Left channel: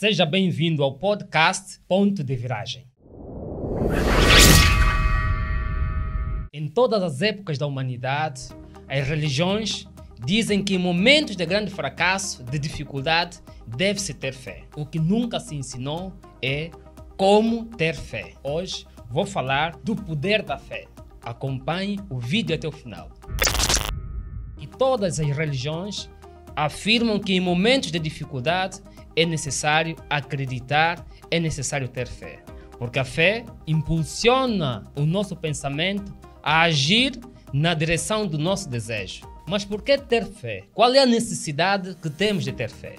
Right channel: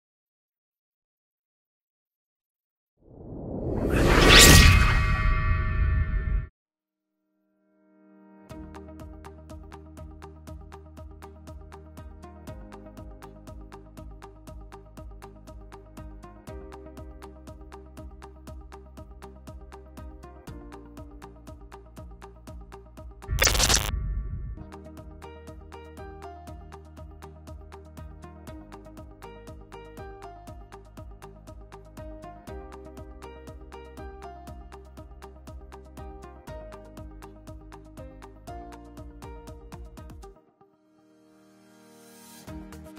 Seja bem-vindo ao podcast Ponto de Viragem. Em todas as épocas da humanidade, as religiões dizem que em momentos de grande fracasso, de dificuldade, deve-se ter fé. O que nunca se ensinou é como ter fé. Hoje vou falar do poder da fé. Acompanhe o vídeo até o final. E todas as religiões afirmam que em momentos de dificuldade é necessário acreditar, é necessário ter fé. Porque a fé impulsiona o nosso pensamento a agir na direção do nosso desejo. Mas por que ter fé? Qual é a necessidade que temos de ter fé?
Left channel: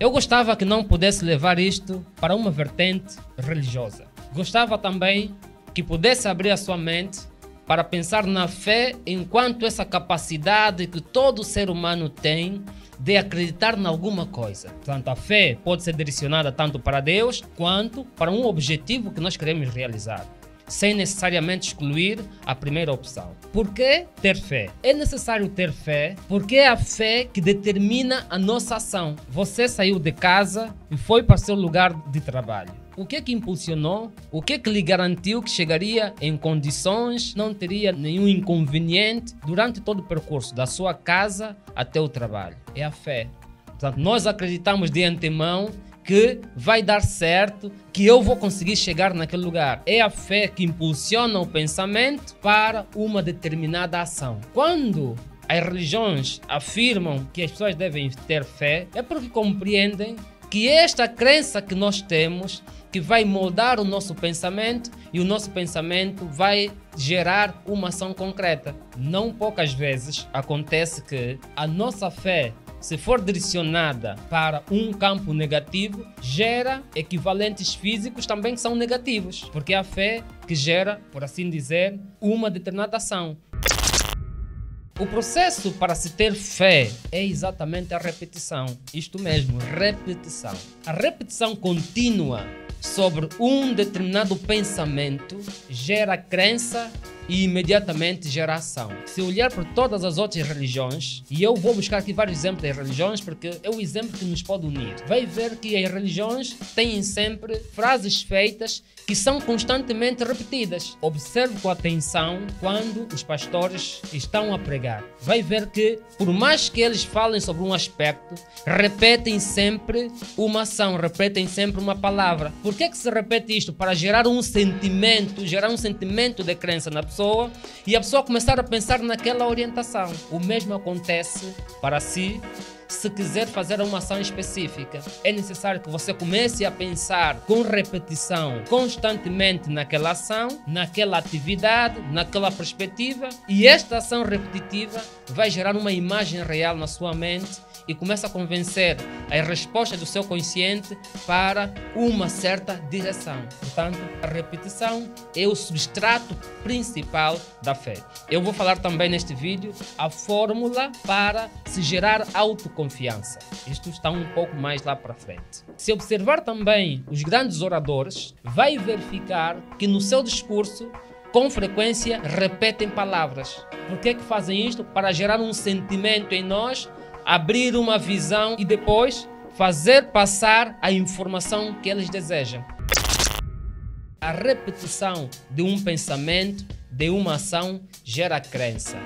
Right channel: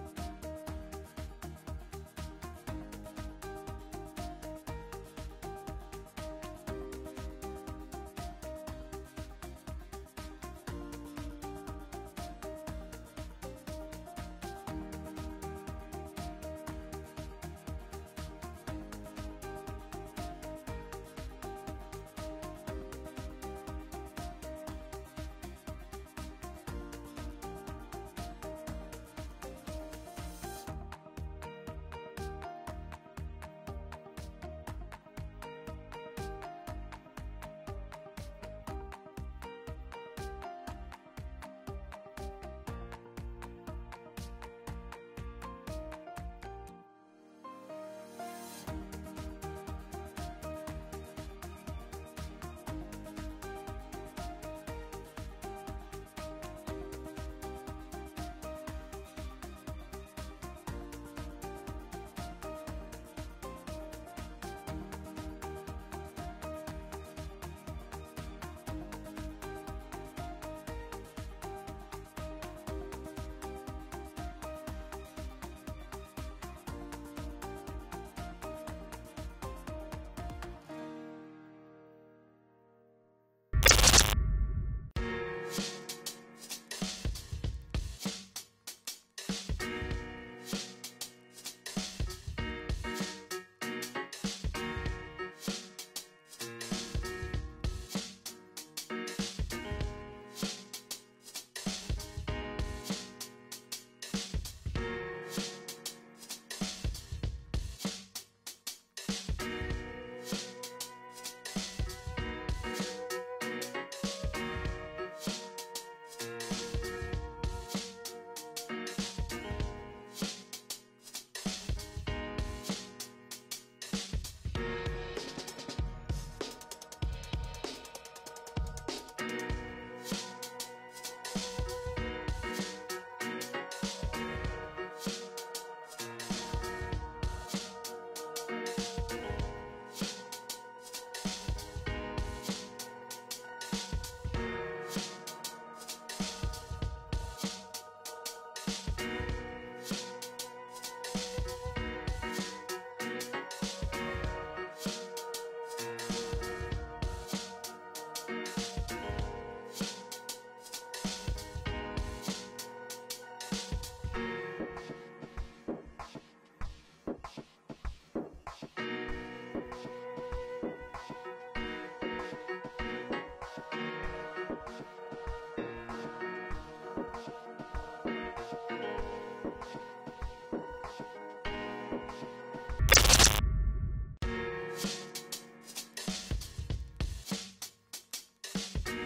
Eu gostava que não pudesse levar isto para uma vertente religiosa. Gostava também que pudesse abrir a sua mente para pensar na fé enquanto essa capacidade que todo ser humano tem de acreditar em alguma coisa. Portanto, a fé pode ser direcionada tanto para Deus quanto para um objetivo que nós queremos realizar, sem necessariamente excluir a primeira opção. Por que ter fé? É necessário ter fé porque é a fé que determina a nossa ação. Você saiu de casa e foi para o seu lugar de trabalho. O que é que impulsionou? O que é que lhe garantiu que chegaria em condições, não teria nenhum inconveniente durante todo o percurso da sua casa até o trabalho? É a fé. Portanto, nós acreditamos de antemão que vai dar certo, que eu vou conseguir chegar naquele lugar. É a fé que impulsiona o pensamento para uma determinada ação. Quando as religiões afirmam que as pessoas devem ter fé, é porque compreendem que esta crença que nós temos que vai moldar o nosso pensamento e o nosso pensamento vai gerar uma ação concreta. Não poucas vezes acontece que a nossa fé, se for direcionada para um campo negativo, gera equivalentes físicos também que são negativos, porque é a fé que gera, por assim dizer, uma determinada ação. O processo para se ter fé é exatamente a repetição. Isto mesmo, repetição. A repetição contínua sobre um determinado pensamento gera crença e imediatamente gera ação. Se olhar para todas as outras religiões, e eu vou buscar aqui vários exemplos das religiões porque é o exemplo que nos pode unir, vai ver que as religiões têm sempre frases feitas que são constantemente repetidas. Observe com atenção quando os pastores estão a pregar. Vai ver que, por mais que eles falem sobre um aspecto, repetem sempre uma ação, repetem sempre uma palavra. Por que se repete isto? Para gerar um sentimento de crença na pessoa e a pessoa começar a pensar naquela orientação. O mesmo acontece para si. Se quiser fazer uma ação específica, é necessário que você comece a pensar com repetição constantemente naquela ação, naquela atividade, naquela perspectiva, e esta ação repetitiva vai gerar uma imagem real na sua mente e começa a convencer as respostas do seu consciente para uma certa direção. Portanto, a repetição é o substrato principal da fé. Eu vou falar também neste vídeo a fórmula para se gerar autoconfiança. Isto está um pouco mais lá para frente. Se observar também os grandes oradores, vai verificar que no seu discurso, com frequência, repetem palavras. Por que fazem isto? Para gerar um sentimento em nós, abrir uma visão e depois fazer passar a informação que eles desejam. A repetição de um pensamento, de uma ação, gera crença.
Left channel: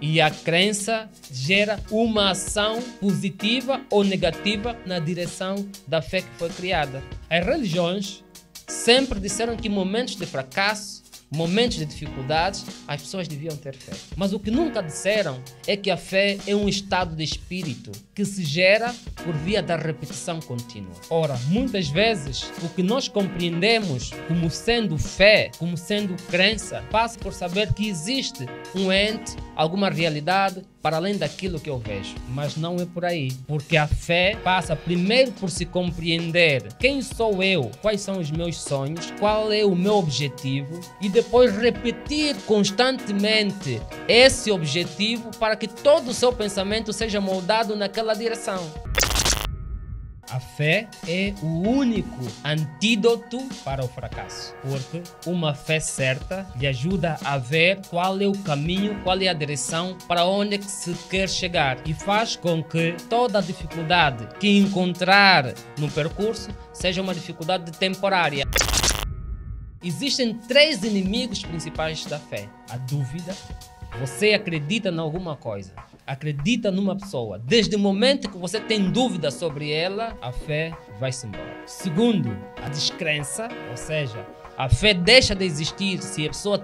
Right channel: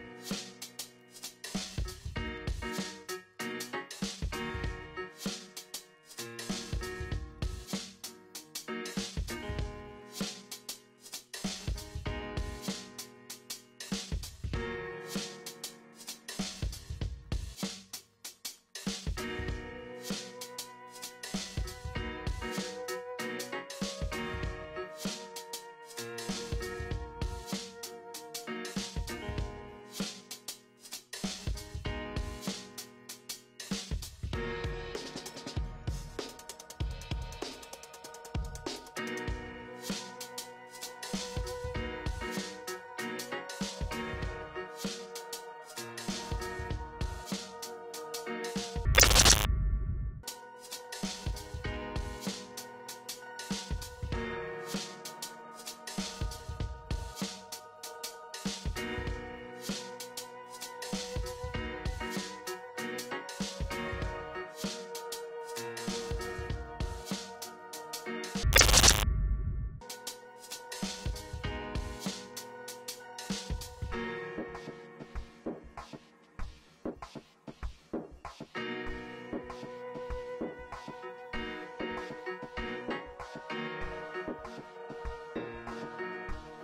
E a crença gera uma ação positiva ou negativa na direção da fé que foi criada. As religiões sempre disseram que em momentos de fracasso, momentos de dificuldades, as pessoas deviam ter fé. Mas o que nunca disseram é que a fé é um estado de espírito que se gera por via da repetição contínua. Ora, muitas vezes, o que nós compreendemos como sendo fé, como sendo crença, passa por saber que existe um ente, alguma realidade, para além daquilo que eu vejo. Mas não é por aí. Porque a fé passa primeiro por se compreender quem sou eu, quais são os meus sonhos, qual é o meu objetivo e depois repetir constantemente esse objetivo para que todo o seu pensamento seja moldado naquela direção. A fé é o único antídoto para o fracasso, porque uma fé certa lhe ajuda a ver qual é o caminho, qual é a direção, para onde é que se quer chegar, e faz com que toda a dificuldade que encontrar no percurso seja uma dificuldade temporária. Existem 3 inimigos principais da fé: a dúvida. Você acredita em alguma coisa, acredita numa pessoa. Desde o momento que você tem dúvida sobre ela, a fé vai-se embora. Segundo, a descrença, ou seja, a fé deixa de existir se a pessoa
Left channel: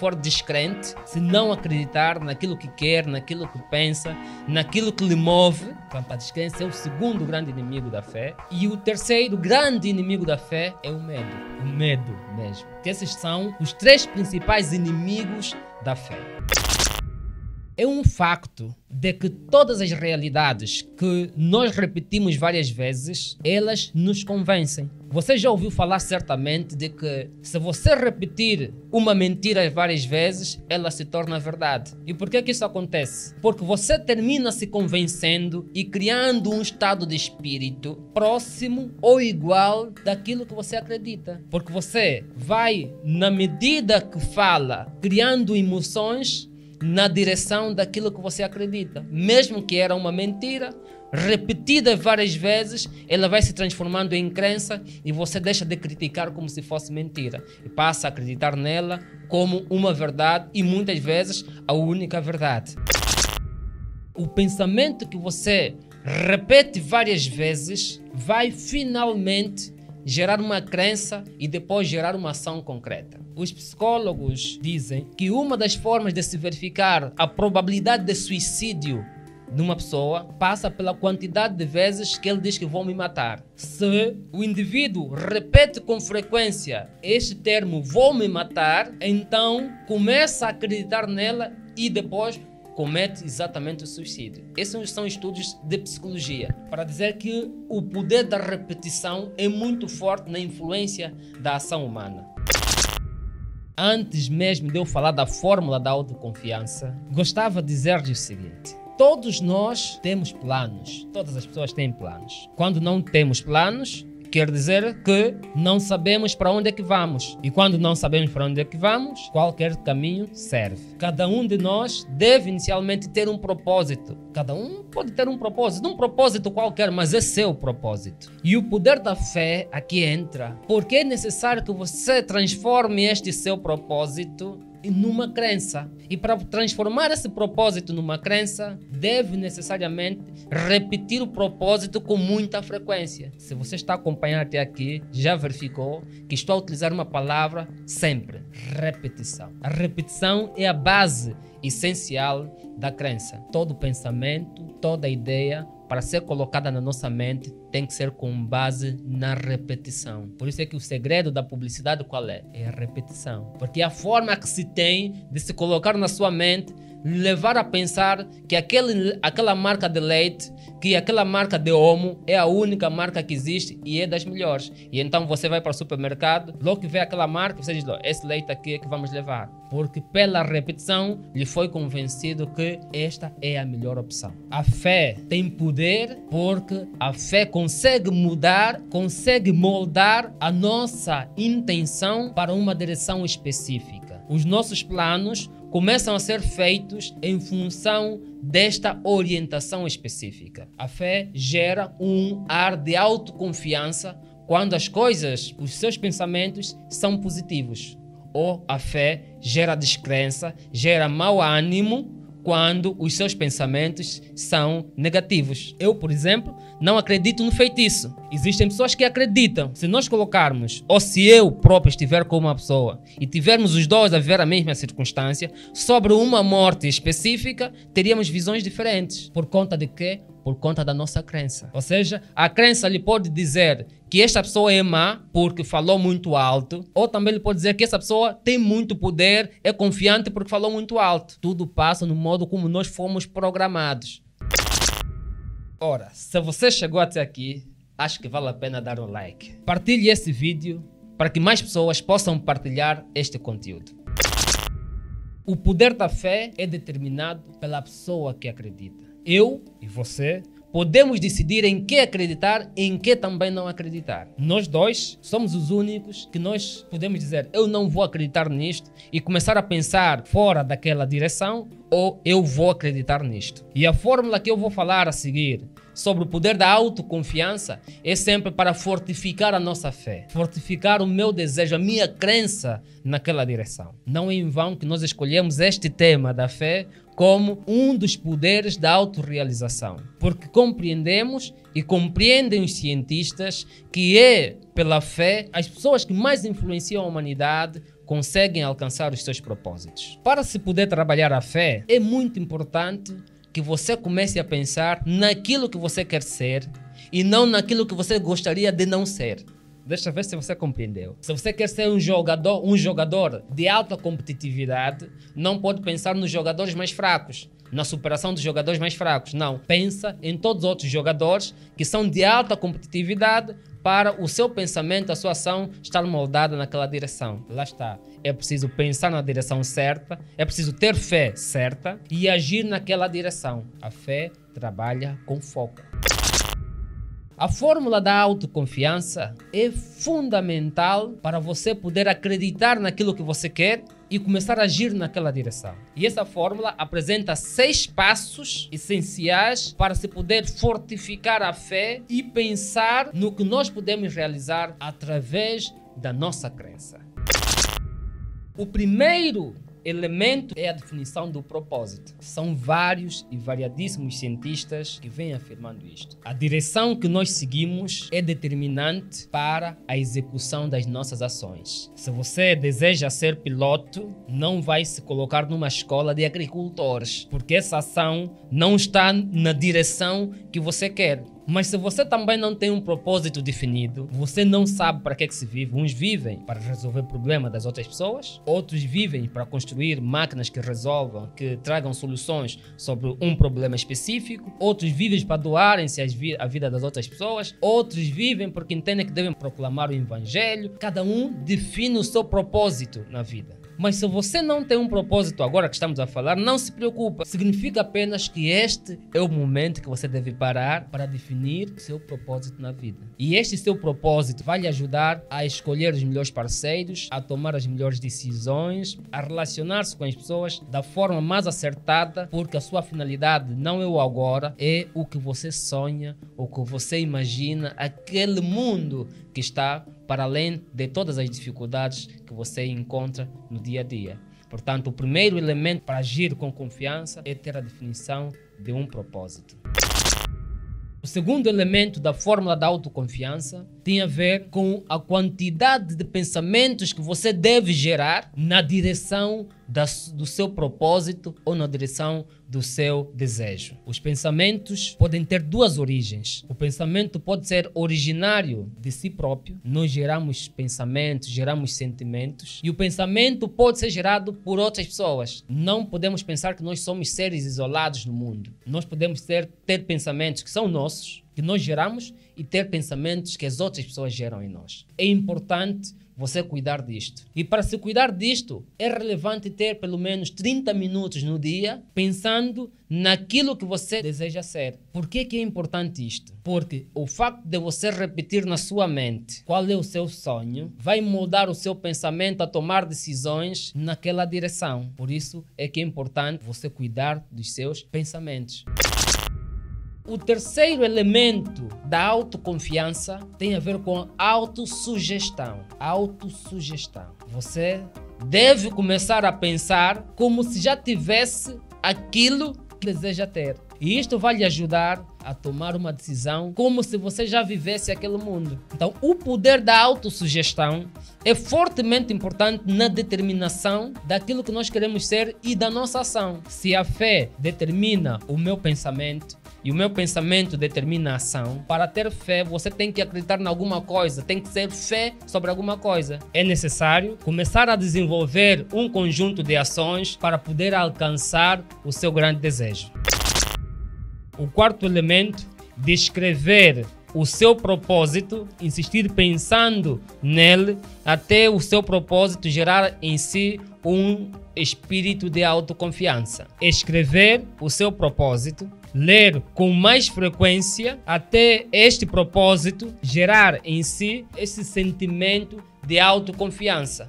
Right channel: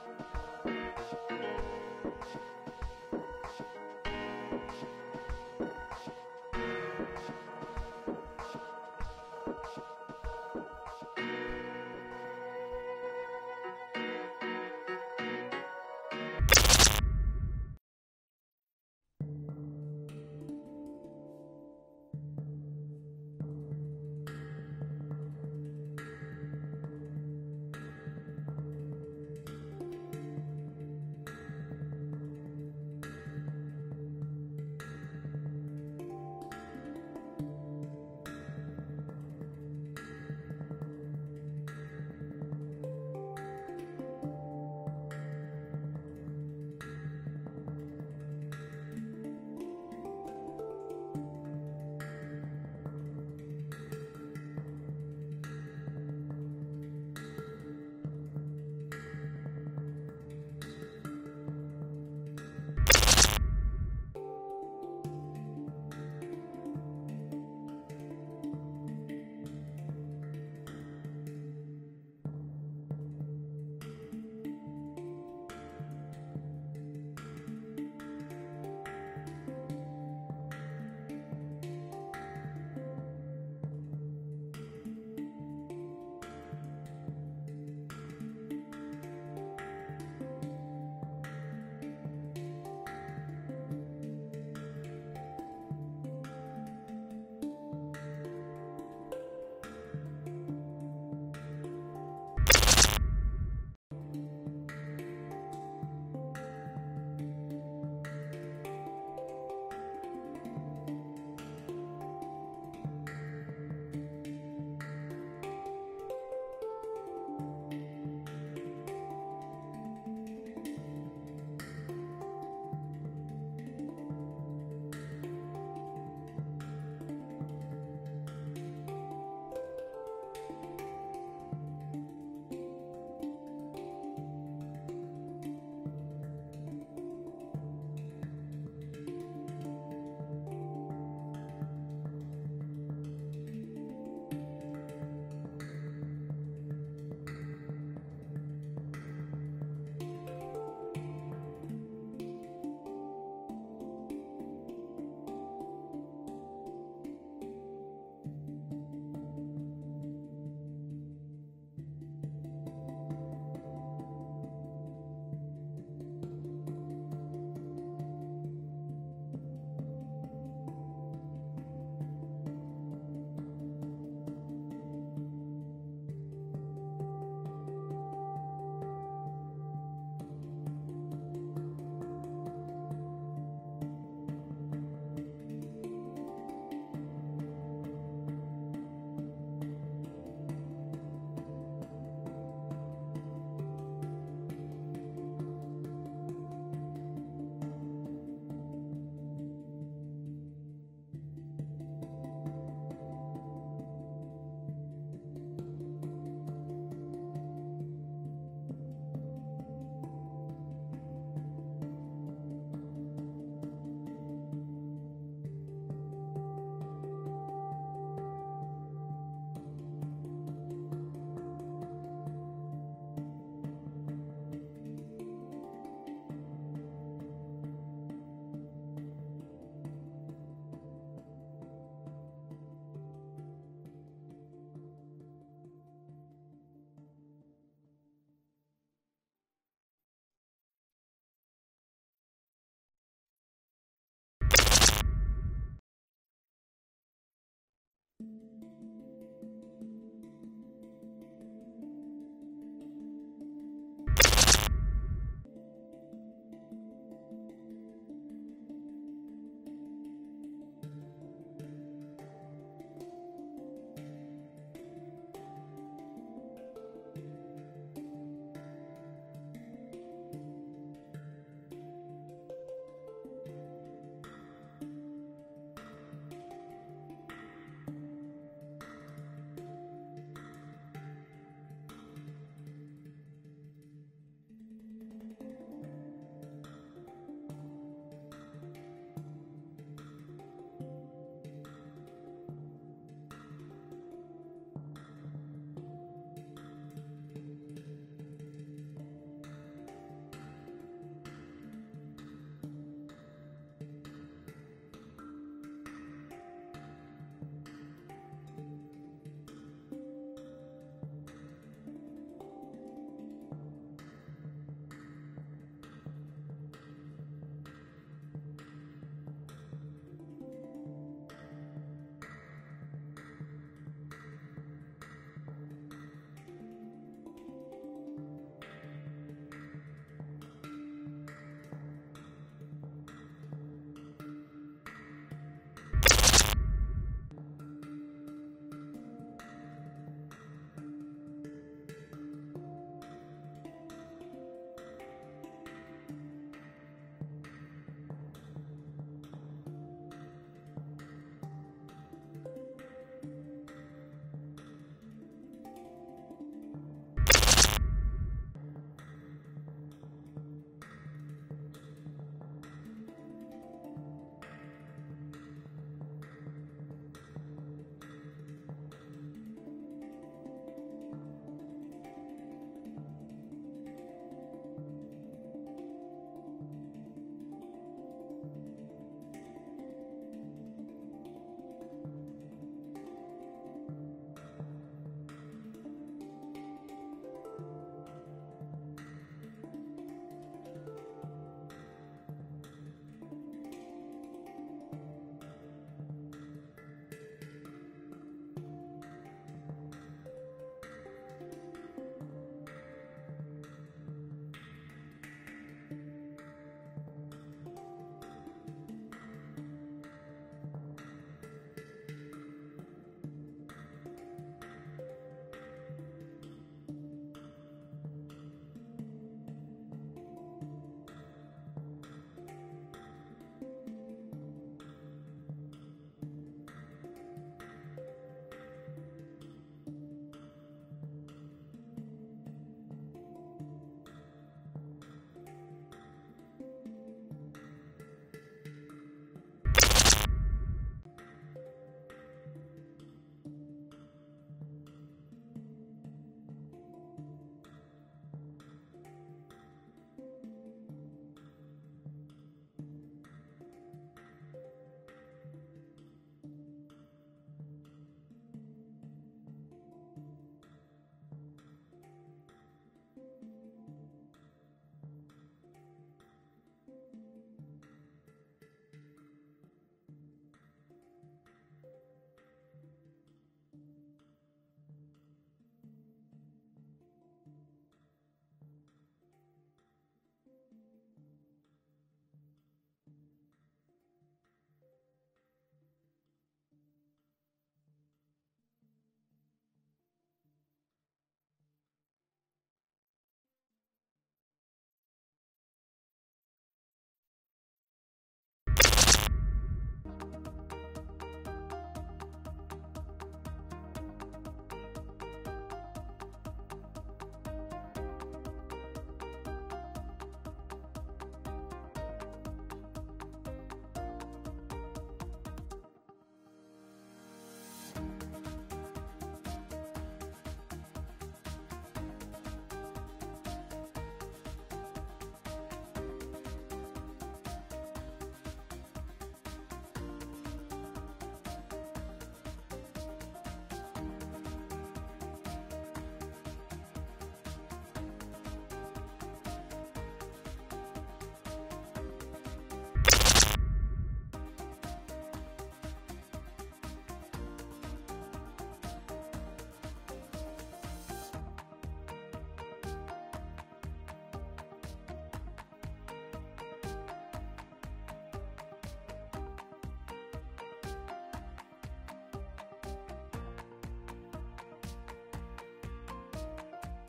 for descrente, se não acreditar naquilo que quer, naquilo que pensa, naquilo que lhe move. Então, a descrença é o segundo grande inimigo da fé. E o terceiro grande inimigo da fé é o medo. O medo mesmo. Que esses são os 3 principais inimigos da fé. É um facto de que todas as realidades que nós repetimos várias vezes, elas nos convencem. Você já ouviu falar certamente de que se você repetir uma mentira várias vezes, ela se torna verdade. E por que isso acontece? Porque você termina se convencendo e criando um estado de espírito próximo ou igual daquilo que você acredita. Porque você vai, na medida que fala, criando emoções na direção daquilo que você acredita. Mesmo que era uma mentira, repetida várias vezes, ela vai se transformando em crença e você deixa de criticar como se fosse mentira e passa a acreditar nela como uma verdade e muitas vezes a única verdade. O pensamento que você repete várias vezes vai finalmente gerar uma crença e depois gerar uma ação concreta. Os psicólogos dizem que uma das formas de se verificar a probabilidade de suicídio de uma pessoa passa pela quantidade de vezes que ele diz que vão me matar. Se o indivíduo repete com frequência este termo vou me matar, então começa a acreditar nela e depois comete exatamente o suicídio. Esses são estudos de psicologia para dizer que o poder da repetição é muito forte na influência da ação humana. Antes mesmo de eu falar da fórmula da autoconfiança, gostava de dizer-lhe o seguinte: todos nós temos planos, todas as pessoas têm planos. Quando não temos planos, quer dizer que não sabemos para onde é que vamos. E quando não sabemos para onde é que vamos, qualquer caminho serve. Cada um de nós deve inicialmente ter um propósito. Cada um pode ter um propósito qualquer, mas é seu propósito. E o poder da fé aqui entra, porque é necessário que você transforme este seu propósito numa crença. E para transformar esse propósito numa crença, deve necessariamente repetir o propósito com muita frequência. Se você está acompanhando até aqui, já verificou que estou a utilizar uma palavra sempre: repetição. A repetição é a base essencial da crença. Todo pensamento, toda ideia, para ser colocada na nossa mente, tem que ser com base na repetição. Por isso é que o segredo da publicidade qual é? É a repetição. Porque é a forma que se tem de se colocar na sua mente, levar a pensar que aquela marca de leite, que aquela marca de Omo é a única marca que existe e é das melhores. E então você vai para o supermercado, logo que vê aquela marca, você diz: esse leite aqui é que vamos levar. Porque pela repetição lhe foi convencido que esta é a melhor opção. A fé tem poder porque a fé consegue mudar, consegue moldar a nossa intenção para uma direção específica. Os nossos planos começam a ser feitos em função desta orientação específica. A fé gera um ar de autoconfiança quando as coisas, os seus pensamentos são positivos. Ou a fé gera descrença, gera mau ânimo quando os seus pensamentos são negativos. Eu, por exemplo, não acredito no feitiço. Existem pessoas que acreditam. Se nós colocarmos, ou se eu próprio estiver com uma pessoa e tivermos os dois a viver a mesma circunstância, sobre uma morte específica, teríamos visões diferentes. Por conta de quê? Por conta da nossa crença. Ou seja, a crença lhe pode dizer que esta pessoa é má porque falou muito alto, ou também lhe pode dizer que essa pessoa tem muito poder, é confiante porque falou muito alto. Tudo passa no modo como nós fomos programados. Ora, se você chegou até aqui, acho que vale a pena dar um like. Partilhe esse vídeo para que mais pessoas possam partilhar este conteúdo. O poder da fé é determinado pela pessoa que acredita. Eu e você podemos decidir em que acreditar e em que também não acreditar. Nós dois somos os únicos que nós podemos dizer: eu não vou acreditar nisto, e começar a pensar fora daquela direção, ou eu vou acreditar nisto. E a fórmula que eu vou falar a seguir sobre o poder da autoconfiança é sempre para fortificar a nossa fé, fortificar o meu desejo, a minha crença naquela direção. Não é em vão que nós escolhemos este tema da fé como um dos poderes da autorrealização, porque compreendemos e compreendem os cientistas que é pela fé as pessoas que mais influenciam a humanidade conseguem alcançar os seus propósitos. Para se poder trabalhar a fé, é muito importante que você comece a pensar naquilo que você quer ser e não naquilo que você gostaria de não ser. Deixa eu ver se você compreendeu. Se você quer ser um jogador de alta competitividade, não pode pensar nos jogadores mais fracos, na superação dos jogadores mais fracos. Não, pensa em todos os outros jogadores que são de alta competitividade para o seu pensamento, a sua ação estar moldada naquela direção. Lá está. É preciso pensar na direção certa, é preciso ter fé certa e agir naquela direção. A fé trabalha com foco. A fórmula da autoconfiança é fundamental para você poder acreditar naquilo que você quer e começar a agir naquela direção. E essa fórmula apresenta 6 passos essenciais para se poder fortificar a fé e pensar no que nós podemos realizar através da nossa crença. O primeiro elemento é a definição do propósito. São vários e variadíssimos cientistas que vêm afirmando isto. A direção que nós seguimos é determinante para a execução das nossas ações. Se você deseja ser piloto, não vai se colocar numa escola de agricultores, porque essa ação não está na direção que você quer. Mas se você também não tem um propósito definido, você não sabe para que se vive. Uns vivem para resolver problemas das outras pessoas, outros vivem para construir máquinas que resolvam, que tragam soluções sobre um problema específico, outros vivem para doarem-se a vida das outras pessoas, outros vivem porque entendem que devem proclamar o evangelho. Cada um define o seu propósito na vida. Mas se você não tem um propósito agora que estamos a falar, não se preocupa. Significa apenas que este é o momento que você deve parar para definir o seu propósito na vida. E este seu propósito vai lhe ajudar a escolher os melhores parceiros, a tomar as melhores decisões, a relacionar-se com as pessoas da forma mais acertada, porque a sua finalidade não é o agora, é o que você sonha, o que você imagina, aquele mundo que está para além de todas as dificuldades que você encontra no dia a dia. Portanto, o primeiro elemento para agir com confiança é ter a definição de um propósito. O segundo elemento da fórmula da autoconfiança tem a ver com a quantidade de pensamentos que você deve gerar na direção do seu propósito ou na direção do seu desejo. Os pensamentos podem ter 2 origens. O pensamento pode ser originário de si próprio. Nós geramos pensamentos, geramos sentimentos. E o pensamento pode ser gerado por outras pessoas. Não podemos pensar que nós somos seres isolados no mundo. Nós podemos ter pensamentos que são nossos, que nós geramos, e ter pensamentos que as outras pessoas geram em nós. É importante você cuidar disto. E para se cuidar disto, é relevante ter pelo menos 30 minutos no dia pensando naquilo que você deseja ser. Por que é importante isto? Porque o facto de você repetir na sua mente qual é o seu sonho vai moldar o seu pensamento a tomar decisões naquela direção. Por isso é que é importante você cuidar dos seus pensamentos. O terceiro elemento da autoconfiança tem a ver com autossugestão. Autossugestão. Você deve começar a pensar como se já tivesse aquilo que deseja ter. E isto vai lhe ajudar a tomar uma decisão como se você já vivesse aquele mundo. Então, o poder da autossugestão é fortemente importante na determinação daquilo que nós queremos ser e da nossa ação. Se a fé determina o meu pensamento e o meu pensamento determina a ação, para ter fé você tem que acreditar em alguma coisa, tem que ter fé sobre alguma coisa. É necessário começar a desenvolver um conjunto de ações para poder alcançar o seu grande desejo. O quarto elemento, descrever o seu propósito, insistir pensando nele até o seu propósito gerar em si um espírito de autoconfiança. Escrever o seu propósito, ler com mais frequência até este propósito gerar em si esse sentimento de autoconfiança.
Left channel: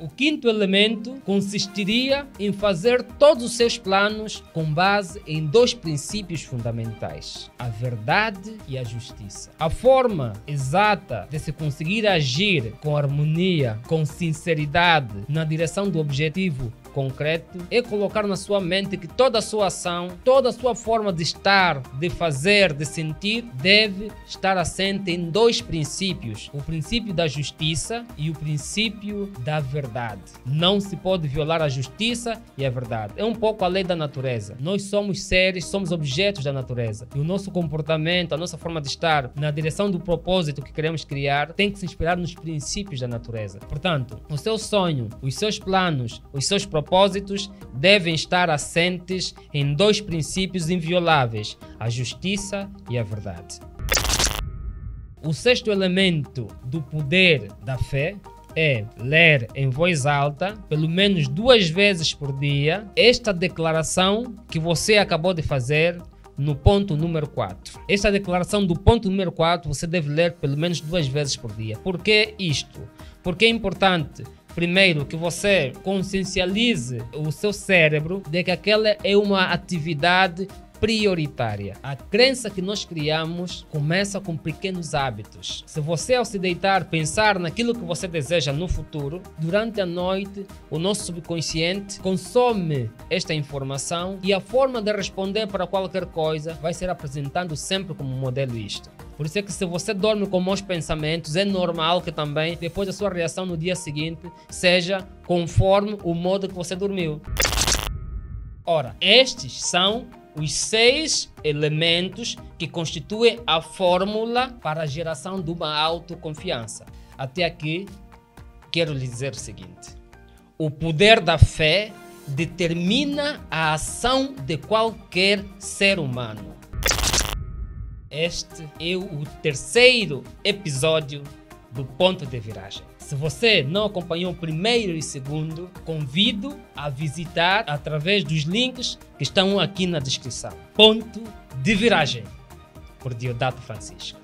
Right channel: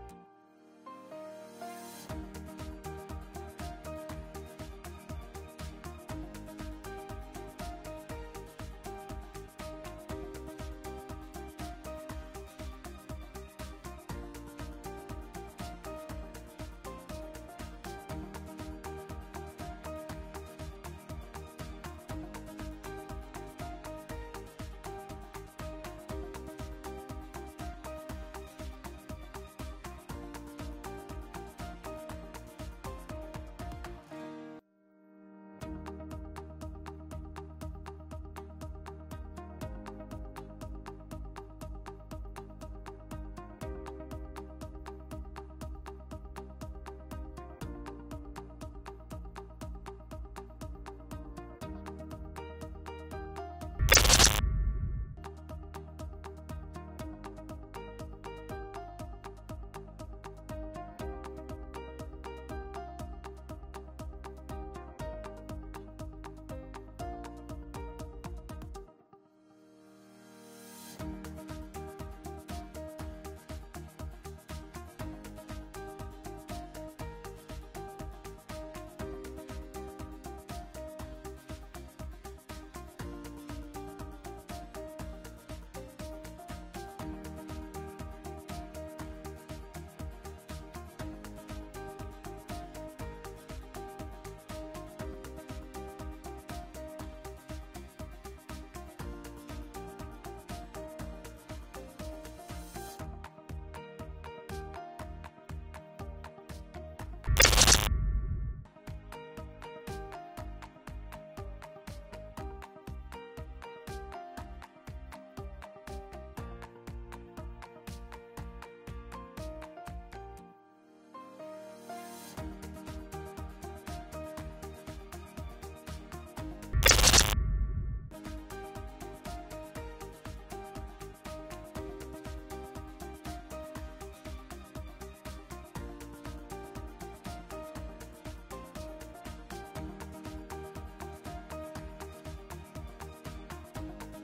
O quinto elemento consistiria em fazer todos os seus planos com base em dois princípios fundamentais: a verdade e a justiça. A forma exata de se conseguir agir com harmonia, com sinceridade, na direção do objetivo concreto é colocar na sua mente que toda a sua ação, toda a sua forma de estar, de fazer, de sentir, deve estar assente em dois princípios: o princípio da justiça e o princípio da verdade. Não se pode violar a justiça e a verdade. É um pouco a lei da natureza. Nós somos seres, somos objetos da natureza. E o nosso comportamento, a nossa forma de estar na direção do propósito que queremos criar tem que se inspirar nos princípios da natureza. Portanto, o seu sonho, os seus planos, os seus propósitos devem estar assentes em dois princípios invioláveis: a justiça e a verdade. O sexto elemento do poder da fé é ler em voz alta, pelo menos 2 vezes por dia, esta declaração que você acabou de fazer no ponto número 4. Esta declaração do ponto número 4 você deve ler pelo menos 2 vezes por dia. Por que isto? Porque é importante, primeiro, que você consciencialize o seu cérebro de que aquela é uma atividade prioritária. A crença que nós criamos começa com pequenos hábitos. Se você, ao se deitar, pensar naquilo que você deseja no futuro, durante a noite o nosso subconsciente consome esta informação e a forma de responder para qualquer coisa vai ser apresentando sempre como modelo isto. Por isso é que se você dorme com maus pensamentos, é normal que também depois a sua reação no dia seguinte seja conforme o modo que você dormiu. Ora, estes são os 6 elementos que constituem a fórmula para a geração de uma autoconfiança. Até aqui, quero lhe dizer o seguinte: o poder da fé determina a ação de qualquer ser humano. Este é o 3º episódio do Ponto de Viragem. Se você não acompanhou o 1º e 2º, convido a visitar através dos links que estão aqui na descrição. Ponto de Viragem, por Diodato Francisco.